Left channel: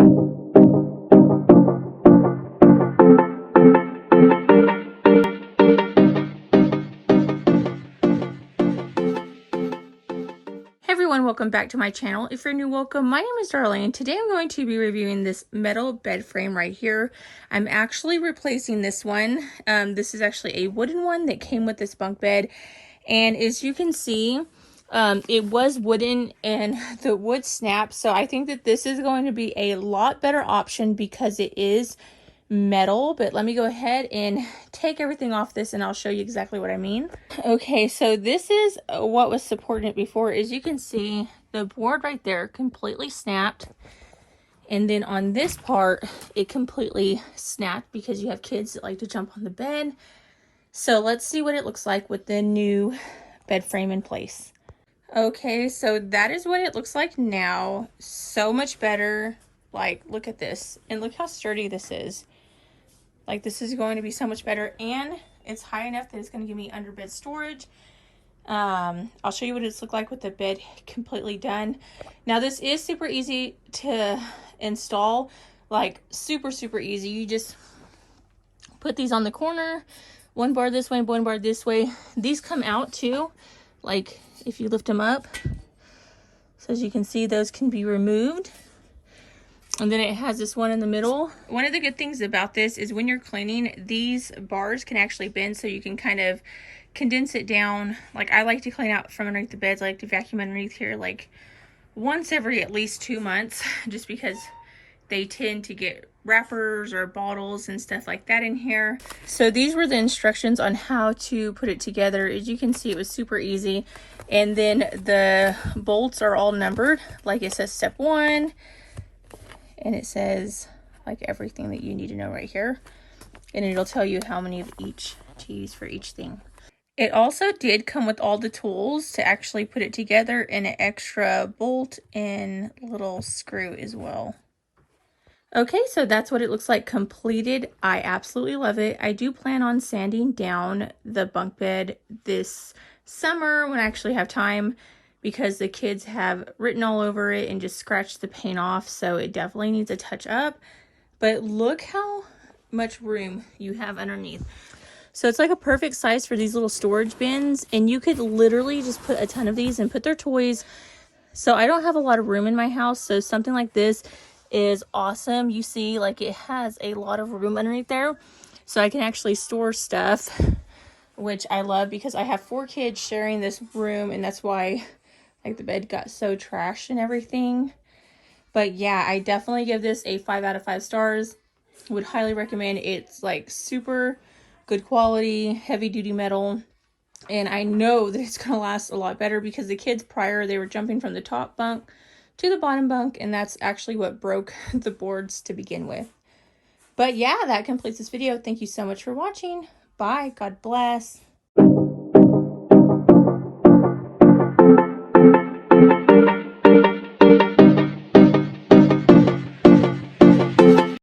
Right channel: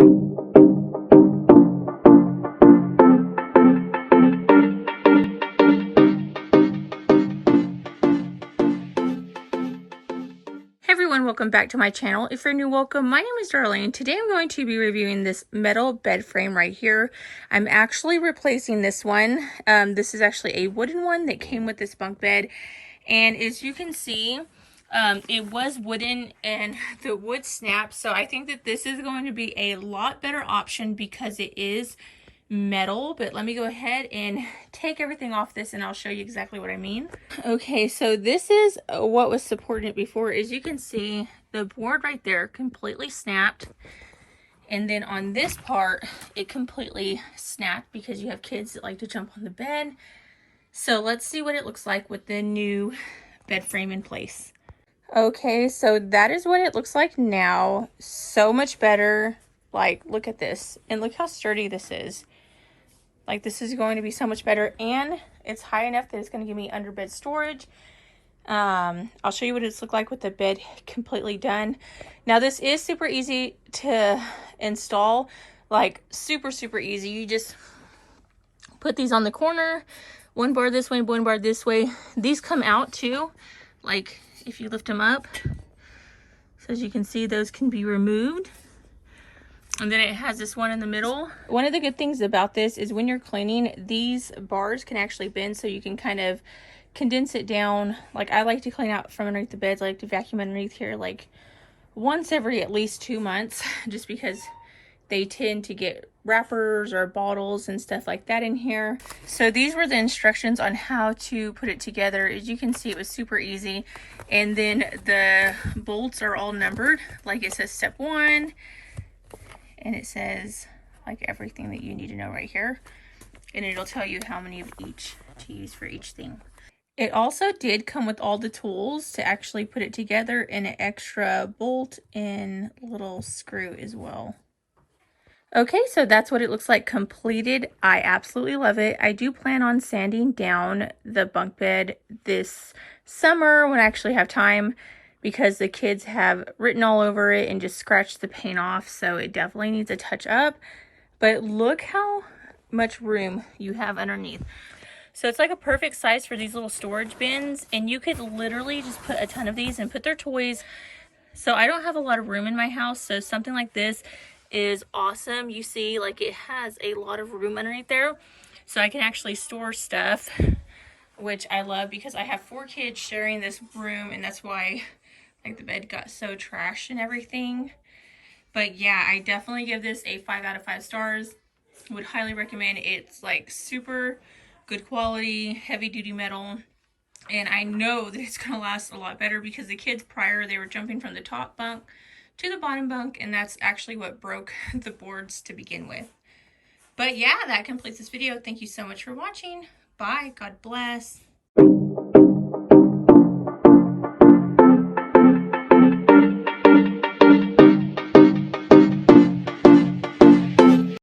Everyone, welcome back to my channel. If you're new, welcome. My name is Darlene. Today I'm going to be reviewing this metal bed frame right here. I'm actually replacing this one. This is actually a wooden one that came with this bunk bed, and as you can see, it was wooden and the wood snapped, so I think that this is going to be a lot better option because it is metal. But let me go ahead and take everything off this and I'll show you exactly what I mean. Okay, so this is what was supporting it before. As you can see, the board right there completely snapped, and then on this part it completely snapped because you have kids that like to jump on the bed. So let's see what it looks like with the new bed frame in place. Okay, so that is what it looks like now. So much better. Like, look at this, and look how sturdy this is. Like, this is going to be so much better, and it's high enough that it's going to give me under bed storage. I'll show you what it's look like with the bed completely done. Now, this is super easy to install, like super easy. You just put these on the corner, one bar this way, one bar this way. These come out too, like if you lift them up. So as you can see, those can be removed. And then it has this one in the middle. One of the good things about this is when you're cleaning, these bars can actually bend, so you can kind of condense it down. Like, I like to clean out from underneath the beds. I like to vacuum underneath here like once every at least 2 months, just because they tend to get wrappers or bottles and stuff like that in here. So these were the instructions on how to put it together. As you can see, it was super easy. And then the bolts are all numbered. Like, it says step 1. And it says like everything that you need to know right here, and it'll tell you how many of each to use for each thing. It also did come with all the tools to actually put it together, and an extra bolt and little screw as well. Okay, so that's what it looks like completed. I absolutely love it. I do plan on sanding down the bunk bed this summer when I actually have time, because the kids have written all over it and just scratched the paint off, so it definitely needs a touch up. But look how much room you have underneath. So it's like a perfect size for these little storage bins, and you could literally just put a ton of these and put their toys. So I don't have a lot of room in my house, so something like this is awesome. You see, like, it has a lot of room underneath there, so I can actually store stuff, which I love because I have 4 kids sharing this room, and that's why like the bed got so trashed and everything. But yeah, I definitely give this a 5 out of 5 stars. Would highly recommend. It's like super good quality, heavy duty metal, and I know that it's gonna last a lot better because the kids prior, they were jumping from the top bunk to the bottom bunk, and that's actually what broke the boards to begin with. But yeah, that completes this video. Thank you so much for watching. Bye. God bless.